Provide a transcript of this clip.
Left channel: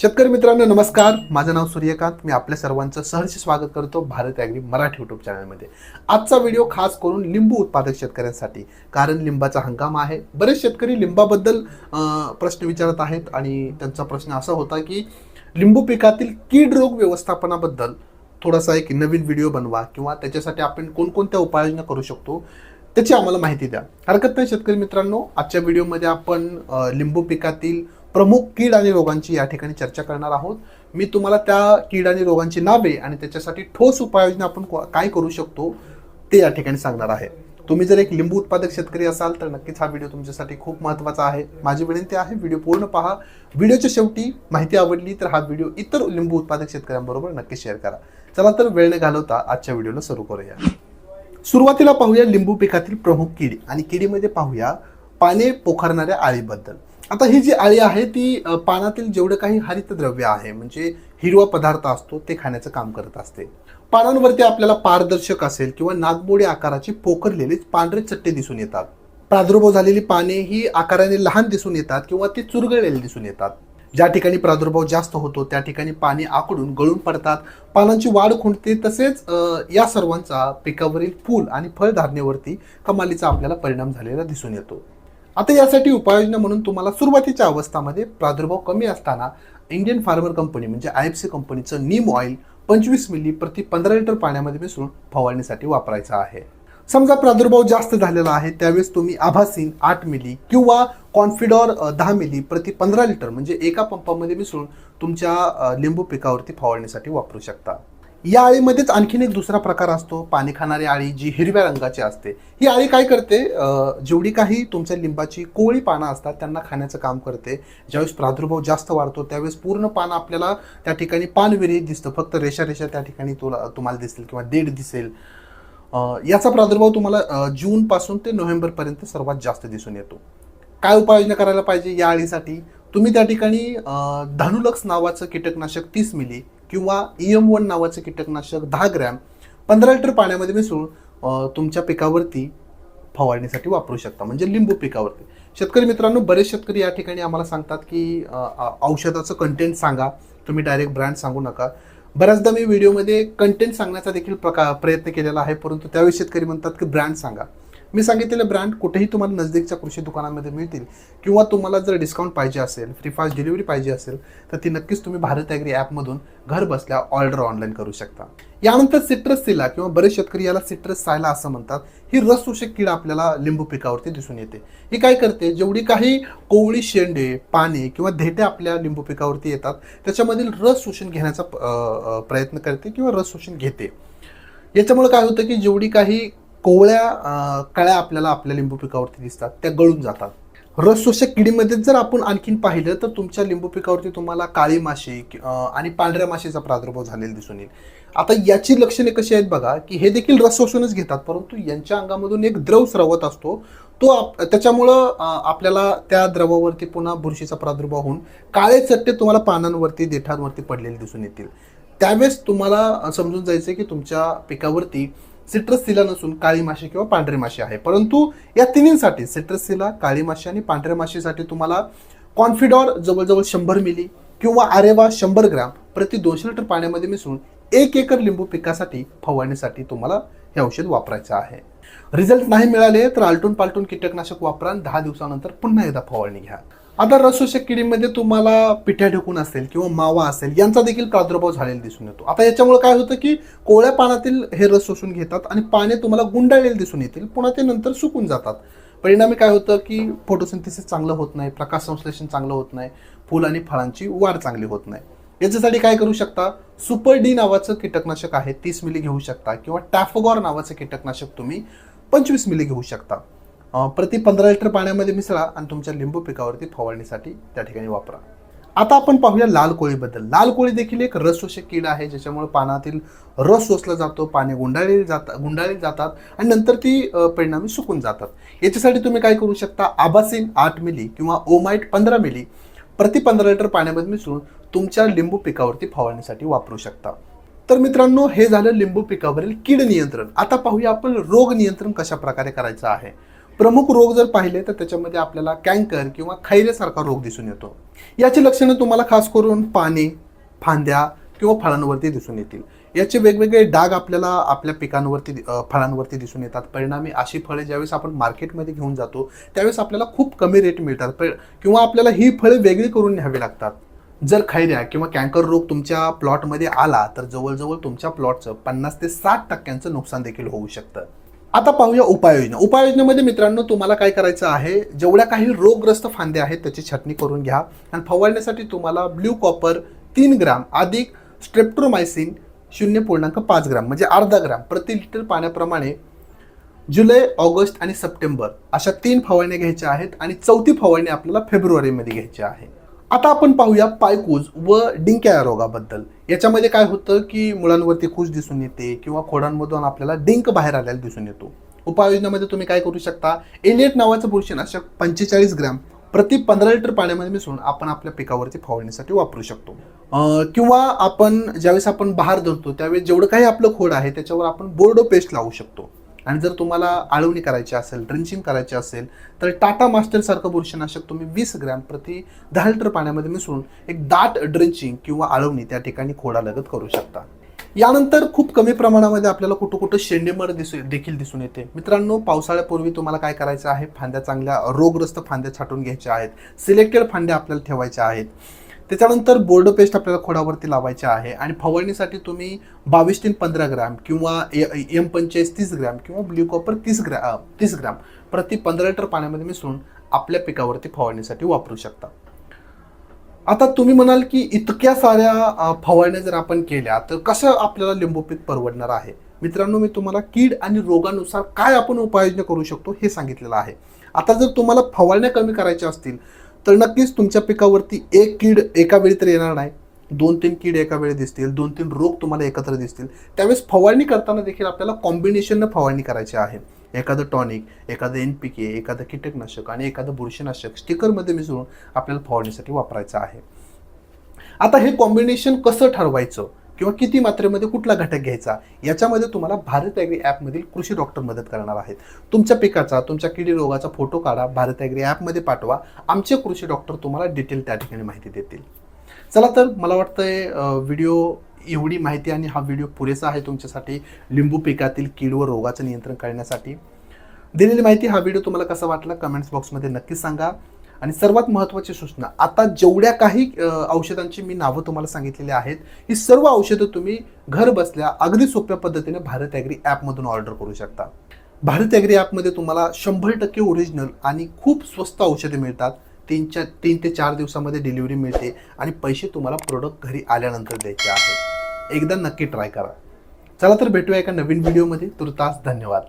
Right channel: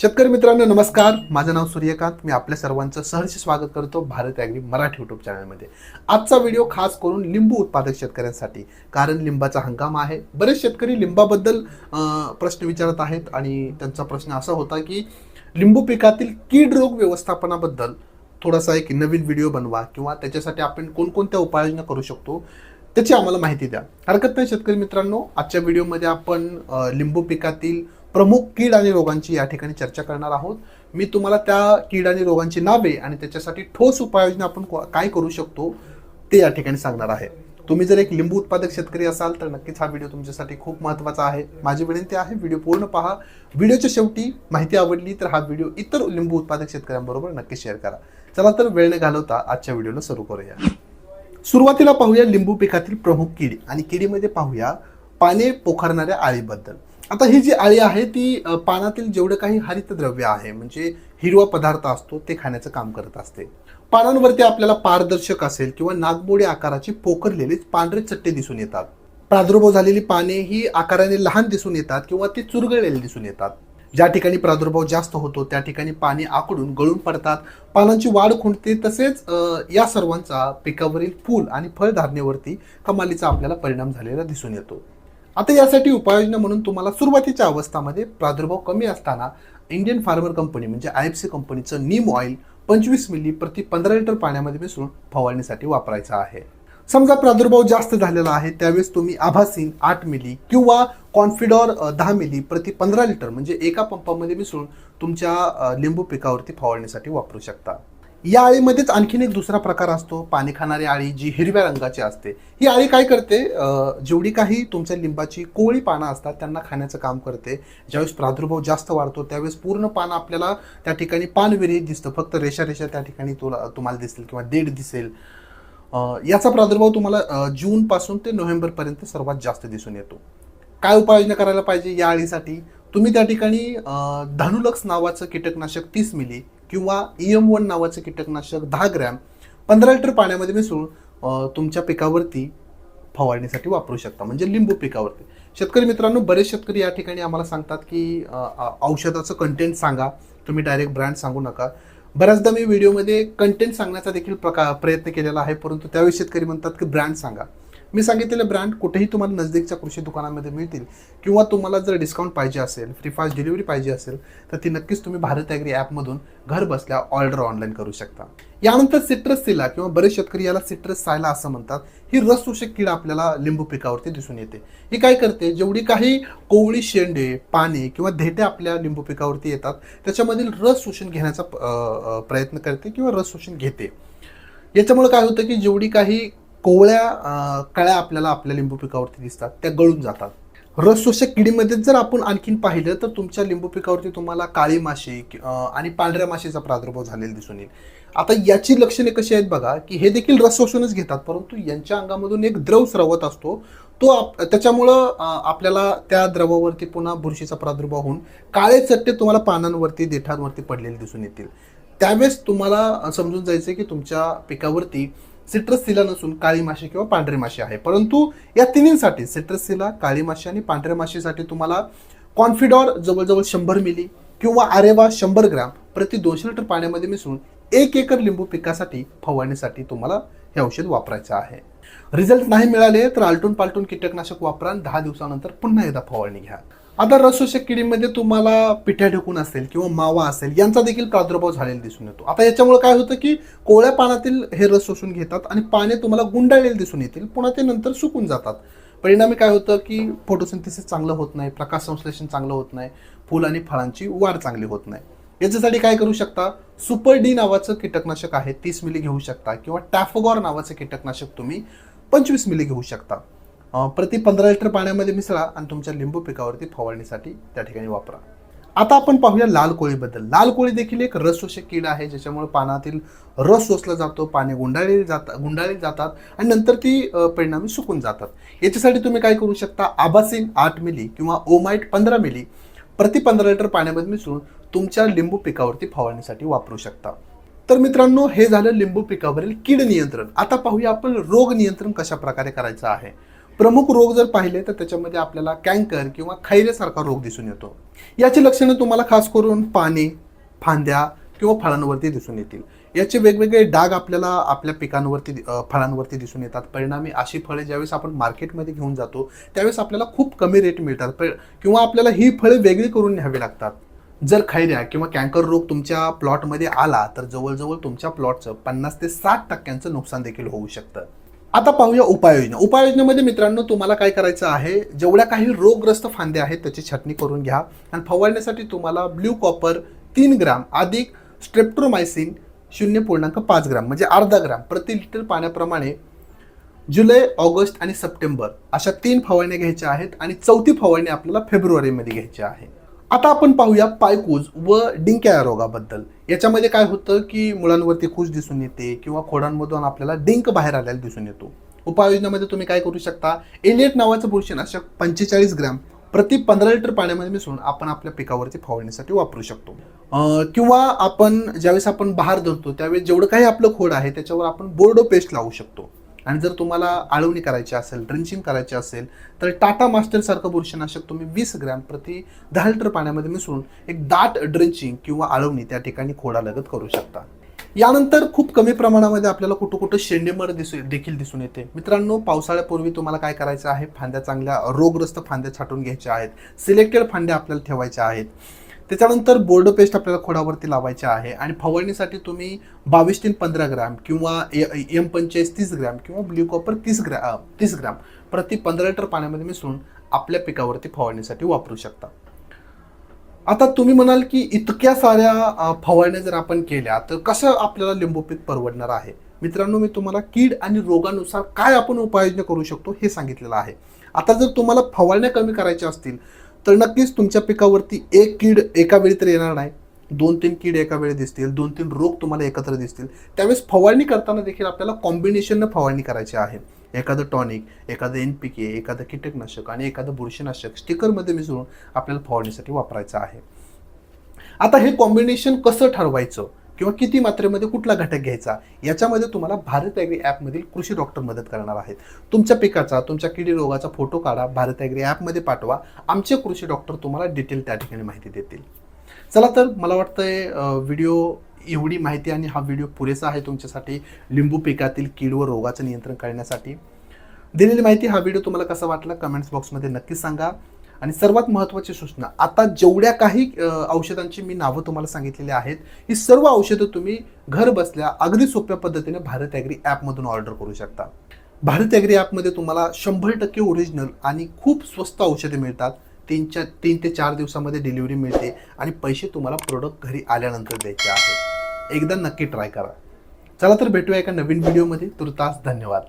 शेतकरी मित्रांनो नमस्कार. माझं नाव सूर्यकांत. मी आपल्या सर्वांचं सहर्ष स्वागत करतो भारत ॲग्री मराठी युट्यूब चॅनलमध्ये आजचा व्हिडिओ खास करून लिंबू उत्पादक शेतकऱ्यांसाठी कारण लिंबाचा हंगाम आहे. बरेच शेतकरी लिंबाबद्दल प्रश्न विचारत आहेत आणि त्यांचा प्रश्न असा होता की लिंबू पिकातील कीड रोग व्यवस्थापनाबद्दल थोडासा एक नवीन व्हिडिओ बनवा किंवा त्याच्यासाठी आपण कोणकोणत्या उपाययोजना करू शकतो त्याची आम्हाला माहिती द्या. हरकत नाही शेतकरी मित्रांनो. आजच्या व्हिडिओमध्ये आपण लिंबू पिकातील प्रमुख कीड आणि रोगांची या ठिकाणी चर्चा करणार आहोत. मी तुम्हाला त्या कीड आणि रोगांची नावे आणि त्याच्यासाठी ठोस उपाययोजना आपण काय करू शकतो ते या ठिकाणी सांगणार आहे. तुम्ही जर एक लिंबू उत्पादक शेतकरी असाल तर नक्कीच हा व्हिडिओ तुमच्यासाठी खूप महत्त्वाचा आहे. माझी विनंती आहे व्हिडिओ पूर्ण पहा. व्हिडिओच्या शेवटी माहिती आवडली तर हा व्हिडिओ इतर लिंबू उत्पादक शेतकऱ्यांबरोबर नक्की शेअर करा. चला तर वेळ न घालवता आजच्या व्हिडिओला सुरू करूया. सुरुवातीला पाहूया लिंबू पिकातील प्रमुख किडी आणि किडीमध्ये पाहूया पाने पोखरणाऱ्या आळीबद्दल. आता ही जी आळी आहे ती पानातील जेवढं काही हरितद्रव्य आहे म्हणजे हिरवा पदार्थ असतो ते खाण्याचं काम करत असते. पानांवरती आपल्याला पारदर्शक असेल किंवा नागमोडी आकाराची पोखरलेले पांढरे चट्टे दिसून येतात. प्रादुर्भाव झालेली पाने ही आकाराने लहान दिसून येतात किंवा ती चुरगळलेली दिसून येतात. ज्या ठिकाणी प्रादुर्भाव जास्त होतो त्या ठिकाणी पाणी आकडून गळून पडतात. पानांची वाढ खुंटते तसेच या सर्वांचा पिकावरील फूल आणि फळधारणेवरती कमालीचा आपल्याला परिणाम झालेला दिसून येतो. आता यासाठी उपाययोजना म्हणून तुम्हाला सुरुवातीच्या अवस्थामध्ये प्रादुर्भाव कमी असताना इंडियन फार्मर कंपनी म्हणजे आय एफ सी कंपनीचं नीम ऑइल पंचवीस मिली प्रति पंधरा लिटर पाण्यामध्ये मिसळून फवारणीसाठी वापरायचं आहे. समजा प्रादुर्भाव जास्त झालेला आहे त्यावेळेस तुम्ही आभासीन आठ मिली किंवा कॉन्फिडॉर दहा मिली प्रति पंधरा लिटर म्हणजे एका पंपामध्ये मिसळून तुमच्या लिंबू पिकावरती फवारणीसाठी वापरू शकता. या आळीमध्येच आणखीन एक दुसरा प्रकार असतो पाणी खाणारी आळी जी हिरव्या रंगाची असते. ही आळी काय करते? जेवढी काही तुमच्या लिंबाची कोळी पानं असतात त्यांना खाण्याचं काम करते. ज्यावेळेस प्रादुर्भाव जास्त वाढतो त्यावेळेस पूर्ण पान आपल्याला त्या ठिकाणी पानविरहित दिसतं. फक्त रेषा रेषा त्या ठिकाणी तुला तुम्हाला दिसेल किंवा देठ दिसेल. याचा प्रादुर्भाव तुम्हाला जूनपासून जून पासून ते नोव्हेंबर पर्यंत सर्वात जास्त दिसून येतो. काय उपाययोजना करायला पाहिजे या अळीसाठी तुम्ही त्या ठिकाणी धानुलक्स नावाचं कीटकनाशक तीस मिली किंवा ईएम वन नावाचं कीटकनाशक दहा ग्रॅम पंधरा लिटर पाण्यामध्ये मिसळून तुमच्या पिकावरती फवारणीसाठी वापरू शकता. म्हणजे लिंबू पिकावरती. शेतकरी मित्रांनो बरेच शेतकरी या ठिकाणी आम्हाला सांगतात की औषधाचं कंटेंट सांगा. तुम्ही डायरेक्ट ब्रँड सांगू नका. बऱ्याचदा मी व्हिडिओमध्ये कंटेंट सांगण्याचा देखील प्रका प्रयत्न केलेला आहे परंतु त्यावेळी शेतकरी म्हणतात की ब्रँड सांगा. मी सांगितलेले ब्रँड कुठेही तुम्हाला नजदीकच्या कृषी दुकानामध्ये मिळतील किंवा तुम्हाला जर डिस्काउंट पाहिजे असेल फ्री फास्ट डिलिव्हरी पाहिजे असेल तर ती नक्कीच तुम्ही भारत ॲग्री ॲपमधून घर बसल्या ऑर्डर ऑनलाईन करू शकता. यानंतर सिट्रस सिला किंवा बरेच शेतकरी याला सिट्रस सायला असं म्हणतात. ही रस शोषक कीड आपल्याला लिंबू पिकावरती दिसून येते. ही काय करते? जेवढी काही कोवळी शेंडे पाने किंवा धेटे आपल्या लिंबू पिकावरती येतात त्याच्यामधील रस शोषण घेण्याचा प्रयत्न करते किंवा रस शोषण घेते. याच्यामुळे काय होतं की जेवढी काही कोवळ्या कळ्या आपल्याला आपल्या लिंबू पिकावरती दिसतात. त्या गळून जातात. रस शोषक किडीमध्ये जर आपण आणखीन पाहिलं तर तुमच्या लिंबू पिकावरती तुम्हाला काळी माशी आणि पांढऱ्या माशीचा प्रादुर्भाव झालेला दिसून येईल. आता याची लक्षणे कशी आहेत बघा की हे देखील रस शोषणच घेतात परंतु यांच्या अंगामधून एक द्रव स्रवत असतो. तो आप- त्याच्यामुळं आपल्याला त्या द्रवावरती पुन्हा बुरशीचा प्रादुर्भाव होऊन काळे चट्टे तुम्हाला पानांवरती देठांवरती पडलेले दिसून येतील. त्यावेळेस तुम्हाला समजून जायचं की तुमच्या पिकावरती सिट्रस सिला नसून काळी माशी किंवा पांढरी माशी आहे. परंतु या तिन्हींसाठी सिट्रस सिला काळी माशी आणि पांढऱ्या माशीसाठी तुम्हाला कॉन्फिडॉर जवळजवळ शंभर मिली किंवा आरेवा शंभर ग्राम प्रति दोनशे लिटर पाण्यामध्ये मिसळून एक एकर लिंबू पिकासाठी फवारणीसाठी तुम्हाला हे औषध वापरायचं आहे. रिझल्ट नाही मिळाले तर आलटून पालटून कीटकनाशक वापरा दहा दिवसानंतर पुन्हा एकदा फवारणी घ्या. आता रसोषक किडीमध्ये तुम्हाला पिठ्या ढकून असेल किंवा मावा असेल यांचा देखील प्रादुर्भाव झालेला दिसून येतो. आता याच्यामुळे काय होतं की कोवळ्या पानातील हे रस शोषून घेतात आणि पाने तुम्हाला गुंडाळलेले दिसून येतील पुन्हा ते नंतर सुकून जातात. परिणामी काय होतं की फोटोसिंथेसिस चांगलं होत नाही प्रकाश संश्लेषण चांगलं होत नाही फुल आणि फळांची वाढ चांगली होत नाही. याच्यासाठी काय करू शकता? सुपर डी नावाचं कीटकनाशक आहे तीस मिली घेऊ शकता किंवा टॅफोगॉर नावाचं कीटकनाशक तुम्ही पंचवीस मिली घेऊ शकता. प्रति पंधरा लिटर पाण्यामध्ये मिसळा आणि तुमच्या लिंबू पिकावरती फवारणीसाठी त्या ठिकाणी वापरा. आता आपण पाहूया लाल कोळीबद्दल. लाल कोळी देखील एक रस शोषक कीड आहे ज्याच्यामुळे पानातील रस सोसला जातो पाने गुंडाळले जातात गुंडाळले जातात आणि नंतर ती परिणामी सुकून जातात. याच्यासाठी तुम्ही काय करू शकता? आबासिन आठ मिली किंवा ओमाइट पंधरा मिली प्रति पंधरा लिटर पाण्यामध्ये मिसळून तुमच्या लिंबू पिकावरती फवारणीसाठी वापरू शकता. तर मित्रांनो हे झालं लिंबू पिकावरील कीड नियंत्रण. आता पाहूया आपण रोग नियंत्रण कशा प्रकारे करायचं आहे. प्रमुख रोग जर पाहिले तर त्याच्यामध्ये आपल्याला कँकर किंवा खैरेसारखा रोग दिसून येतो. याची लक्षणं तुम्हाला खास करून पाने फांद्या किंवा फळांवरती दिसून येतील. याचे वेगवेगळे डाग आपल्याला आपल्या पिकांवरती फळांवरती दिसून येतात. परिणामी अशी फळे ज्यावेळेस आपण मार्केटमध्ये घेऊन जातो त्यावेळेस आपल्याला खूप कमी रेट मिळतात. किंवा आपल्याला ही फळे वेगळी करून न्यावी लागतात. जर खैऱ्या किंवा कॅन्कर रोग तुमच्या प्लॉटमध्ये आला तर जवळजवळ तुमच्या प्लॉटचं पन्नास ते साठ टक्क्यांचं नुकसान देखील होऊ शकतं. आता पाहूया उपाययोजना उपाययोजनेमध्ये मित्रांनो तुम्हाला काय करायचं आहे? जेवढ्या काही रोगग्रस्त फांद्या आहेत त्याची छटणी करून घ्या. आणि फवारण्यासाठी तुम्हाला ब्ल्यू कॉपर तीन ग्राम अधिक स्ट्रेप्ट्रोमायसिन शून्य पूर्णांक पाच ग्राम म्हणजे अर्धा ग्राम प्रति लिटर पाण्याप्रमाणे जुलै ऑगस्ट आणि सप्टेंबर अशा तीन फवारण्या घ्यायच्या आहेत आणि चौथी फवारणी आपल्याला फेब्रुवारीमध्ये घ्यायची आहे. आता आपण पाहूया पायकूज व डिंक्या रोगाबद्दल. याच्यामध्ये काय होतं की मुलांवरती कूज दिसून येते किंवा खोडांमधून आपल्याला डिंक बाहेर आलेला दिसून येतो. उपाययोजनामध्ये तुम्ही काय करू शकता? एलिएट नावाचं बुरशीनाशक पंचेचाळीस ग्रॅम प्रति पंधरा लिटर पाण्यामध्ये मिसळून आपण आपल्या पिकावरती फवारणीसाठी वापरू शकतो. किंवा आपण ज्यावेळेस आपण बहार धरतो त्यावेळेस जेवढं काही आपलं खोड आहे त्याच्यावर आपण बोर्डो पेस्ट लावू शकतो. आणि जर तुम्हाला आळवणी करायची असेल ड्रिंचिंग करायची असेल तर टाटा मास्टरसारखं बुरशीनाशक तुम्ही वीस ग्रॅम प्रति दहा लिटर पाण्यामध्ये मिसळून एक दाट ड्रिंचिंग किंवा आळवणी त्या ठिकाणी खोडालगत करू शकता. यानंतर खूप कमी प्रमाणामध्ये आपल्याला कुठं कुठं शेंडेमर दिसू देखील दिसून येते. मित्रांनो पावसाळ्यापूर्वी तुम्हाला काय करायचं आहे? फांद्या चांगल्या रोगग्रस्त फांद्या छाटून घ्यायच्या आहेत. सिलेक्टेड फांद्या आपल्याला ठेवायच्या आहेत. त्याच्यानंतर बोर्ड पेस्ट आपल्याला खोडावरती लावायचे आहे. आणि फवारणीसाठी तुम्ही बावीस तीन पंधरा ग्रॅम किंवा एम पंचेचाळीस तीस ग्रॅम किंवा ब्ल्यू कॉपर तीस ग्रॅम तीस ग्रॅम प्रति पंधरा लिटर पाण्यामध्ये मिसळून आपल्या पिकावरती फवारणीसाठी वापरू शकता. आता तुम्ही म्हणाल की इतक्या साऱ्या फवारण्या जर आपण केल्या तर कसं आपल्याला लिंबू पीक परवडणार आहे? मित्रांनो मी तुम्हाला कीड आणि रोगानुसार काय आपण उपाययोजना करू शकतो हे सांगितलेलं आहे. आता जर तुम्हाला फवारण्या कमी करायच्या असतील तर नक्कीच तुमच्या पिकावरती एक कीड एका वेळी तर येणार नाही. दोन तीन कीड एका वेळी दिसतील दोन तीन रोग तुम्हाला एकत्र दिसतील. त्यावेळेस फवारणी करताना देखील आपल्याला कॉम्बिनेशननं फवारणी करायची आहे. एखादं टॉनिक एखादं एन पी के एखादं कीटकनाशक आणि एखादं बुरशीनाशक स्टिकरमध्ये मिसळून आपल्याला फवारणीसाठी वापरायचं आहे. आता हे कॉम्बिनेशन कसं ठरवायचं? किंवा किती मात्रेमध्ये कुठला घटक घ्यायचा याच्यामध्ये तुम्हाला भारत ॲग्री ॲपमधील कृषी डॉक्टर मदत करणार आहेत. तुमच्या पिकाचा तुमच्या किडी रोगाचा फोटो काढा भारत ॲग्री ॲपमध्ये पाठवा. आमचे कृषी डॉक्टर तुम्हाला डिटेल त्या ठिकाणी माहिती देतील. चला तर मला वाटतंय व्हिडिओ एवढी माहिती आणि हा व्हिडिओ पुरेसा आहे तुमच्यासाठी लिंबू पिकातील कीड व रोगाचं नियंत्रण करण्यासाठी. दिलेली माहिती हा व्हिडिओ तुम्हाला कसा वाटला कमेंट्स बॉक्समध्ये नक्की सांगा. आणि सर्वात महत्त्वाची सूचना आता जेवढ्या काही औषधांची मी नावं तुम्हाला सांगितलेली आहेत ही सर्व औषधं तुम्ही घर बसल्या अगदी सोप्या पद्धतीने भारत ॲग्री ॲपमधून ऑर्डर करू शकता. भारत ॲग्री ॲपमध्ये तुम्हाला शंभर टक्के ओरिजिनल आणि खूप स्वस्त औषधे मिळतात. तीनच्या तीन ते चार दिवसामध्ये डिलिव्हरी मिळते आणि पैसे तुम्हाला प्रोडक्ट घरी आल्यानंतर द्यायचे आहेत. एकदा नक्की ट्राय करा. चला तर भेटूया एका नवीन व्हिडिओमध्ये तुर्तास धन्यवाद.